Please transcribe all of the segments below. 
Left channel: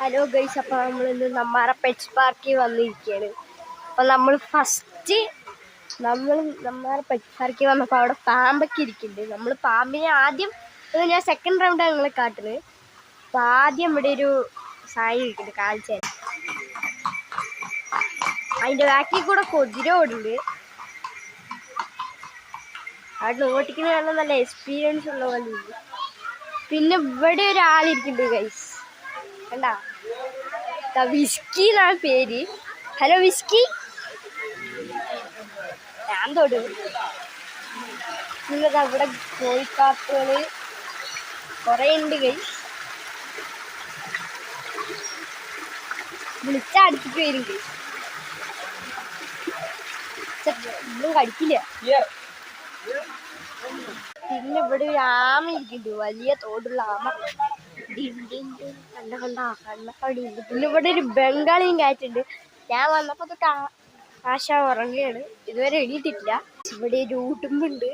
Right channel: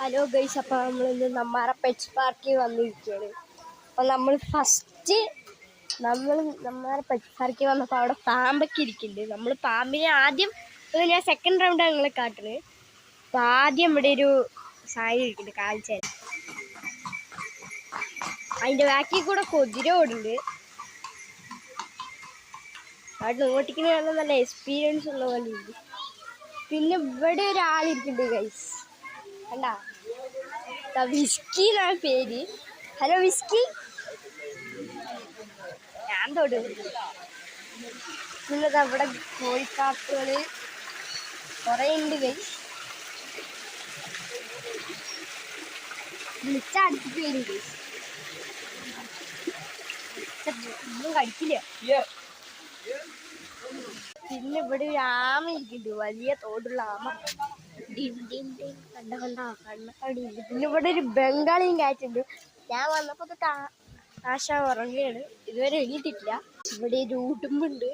Hello guys, അപ്പോൾ നമ്മളിന്ന് നമ്മുടെ പെറ്റ്സ് പാർക്കിൽ വന്നിരിക്കുകയാണ്. അപ്പോൾ നമ്മുടെ പെറ്റ്സ് പാർക്കിൽ വന്നപ്പോൾ അവിടെ പാമ്പൊക്കെ ഇരിക്കുന്നുണ്ട്. നമ്മൾ പാമ്പിനെ ആദ്യം ഞാൻ സെക്കൻഡ് റൗണ്ടാണ് നിങ്ങളെ കാട്ടുന്നത്. അപ്പോൾ ആദ്യം ഇവിടെ ഒരു സാരി ഇരിക്കുന്നുണ്ട്, കാണിച്ചു. അതിൻ്റെ ബാക്കിൽ കൂടെ കുതിര ഓടുന്നുണ്ട്. അവിടെ ഓട്ടിക്കുന്ന കാണാൻ നല്ല എക്സ്പീരിയൻസ് ഉള്ള പോലെ. പിന്നെ ഇവിടെ ഒരാളിരിക്കുന്നുണ്ട് ഗൈസ്, കണ്ടാ? വിസ്കി എന്നാണ് പേര്. ഹലോ വിസ്കി, ഞാൻ തൊടും. നിങ്ങൾക്ക് അവിടെ കോഴിക്കാപ്പുകൾ കുറേ ഉണ്ട് ഗൈസ്. വിളിച്ചാൽ അടുത്തിട്ട് വരും ഗൈസ്. ഒന്നും കടിക്കില്ല. പിന്നെ ഇവിടെ ഒരു ആമ ഇരിക്കുന്നുണ്ട്, വലിയ തോടുള്ള ആമ. കണ്ണക്കടിയുണ്ട്. പിന്നെ ഇവിടെ ഒരു ബംഗാളിയും കാറ്റുണ്ട്. ഞാൻ വന്നപ്പോൾ തൊട്ട് ആശ ഉറങ്ങുകയാണ്, ഇതുവരെ എണീറ്റിട്ടില്ല. ഇവിടെ ഒരു ഉടുമ്പുണ്ട്,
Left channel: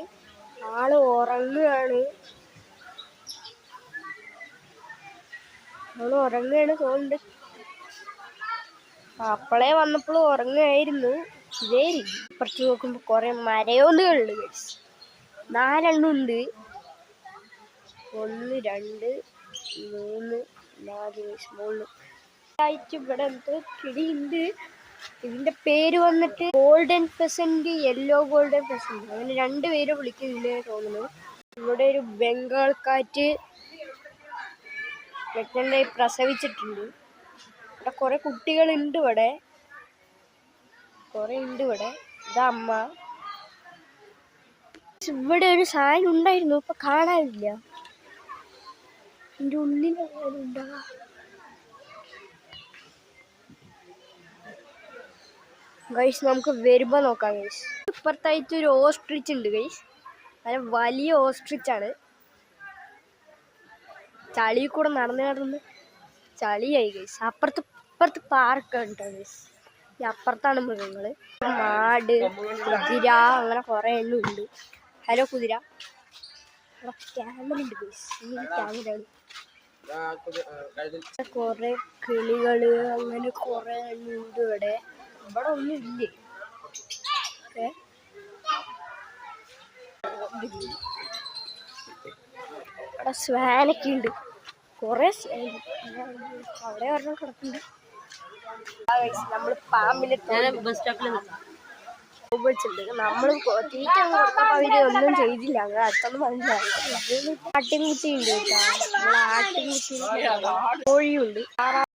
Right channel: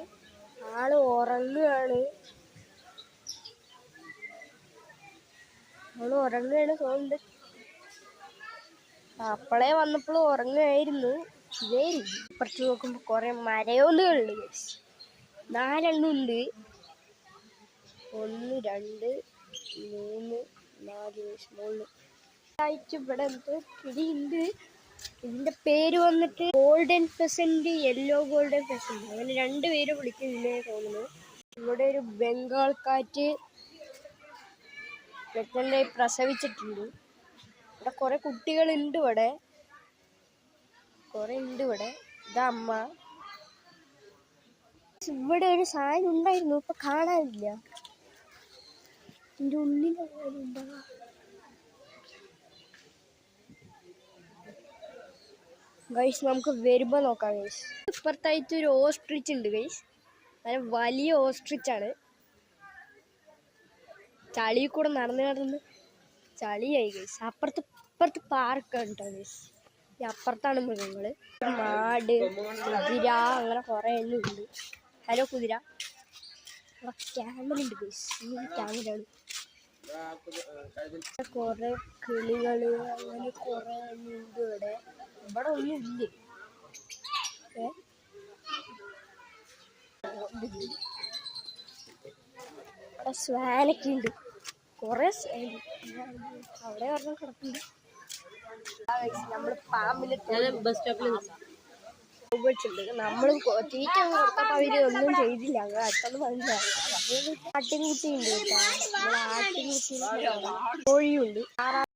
ആള് ഉറങ്ങുകയാണ്. തോന്നുന്നുണ്ട്. അപ്പളേ വന്നപ്പോഴും ഉറങ്ങുകയായിരുന്നു. ഇതേ കുറച്ച് നോക്കുമ്പോൾ കുറെ മരയോന്നുകളുണ്ട്. 4 എണ്ണം ഉണ്ട്. 1 2 3 4 ഇവിടെ എന്തോ കിളിയുണ്ട്. ഇതിന്റെ പേര് വന്നിട്ട് golden peasant, yellow golden peasant, അങ്ങനെ 2 പേര് വിളിക്കുന്നുണ്ട് തോന്നുന്നു. ഇവിടെ ഒരു ബംഗാൾ കാറ്റ് പ്രഗ്നന്റായി പ്രസവിച്ചിട്ടുണ്ട്. ഇവിടെ കുറെ കുട്ടികളുണ്ട്. ഇവിടെ ഇതാ അമ്മ. ഇവിടെ ഒരു സാധനം ഉണ്ടായിരുന്നു, ഇപ്പൊ കാണാനില്ല. ഇതിൻ്റെ ഉള്ളിലുണ്ടാ. ഗൈസ്, നമുക്ക് വരുമ്പോ നോക്കാം ഗൈസ്. ഇപ്പുറത്തായിട്ട് ഒരു ഓസ്ട്രിച്ച് ഉണ്ട് ഗൈസ്, നല്ല വലിയ ഓസ്ട്രിച്ചാണ്. ചളി കൂടെ നടന്ന് ചളിയായി ഗൈസ്. ഇപ്പുറത്ത് പാർക്ക് ഉണ്ടോ ഗൈസ്. അപ്പുറത്താണ് മൃഗങ്ങള്, ആട്, കുതിര, അങ്ങനെ കുറെ എണ്ണം ഉണ്ട്. ഹലോ കുതിര. ക്യാമറ ഉണ്ട് ഗൈസ്, ക്യാമറ ഉണ്ട്. കുറെ കിളികള്, അങ്ങനെ കുറെ എണ്ണം ഉണ്ട്. ഇവിടെ ഒന്നും ഇല്ലേ. ഇവിടെ സ്വാനൊക്കെ ഉണ്ട്, കുറെ അവിടെ ഒരെണ്ണം കിടക്കുന്നുണ്ട്. നമ്മൾ പാമ്പിന്റെ ബസ് സ്റ്റോപ്പിൽ നമ്മൾ തീറ്റ അവര് ഒന്നും ചെയ്തില്ല. അങ്ങനെ അടുത്തൊന്നും മനസ്സിലായി. ആട്ടിൻകുട്ടി ഉണ്ട്, ആട്ടിൻകുട്ടി, കോഴിയുണ്ട്.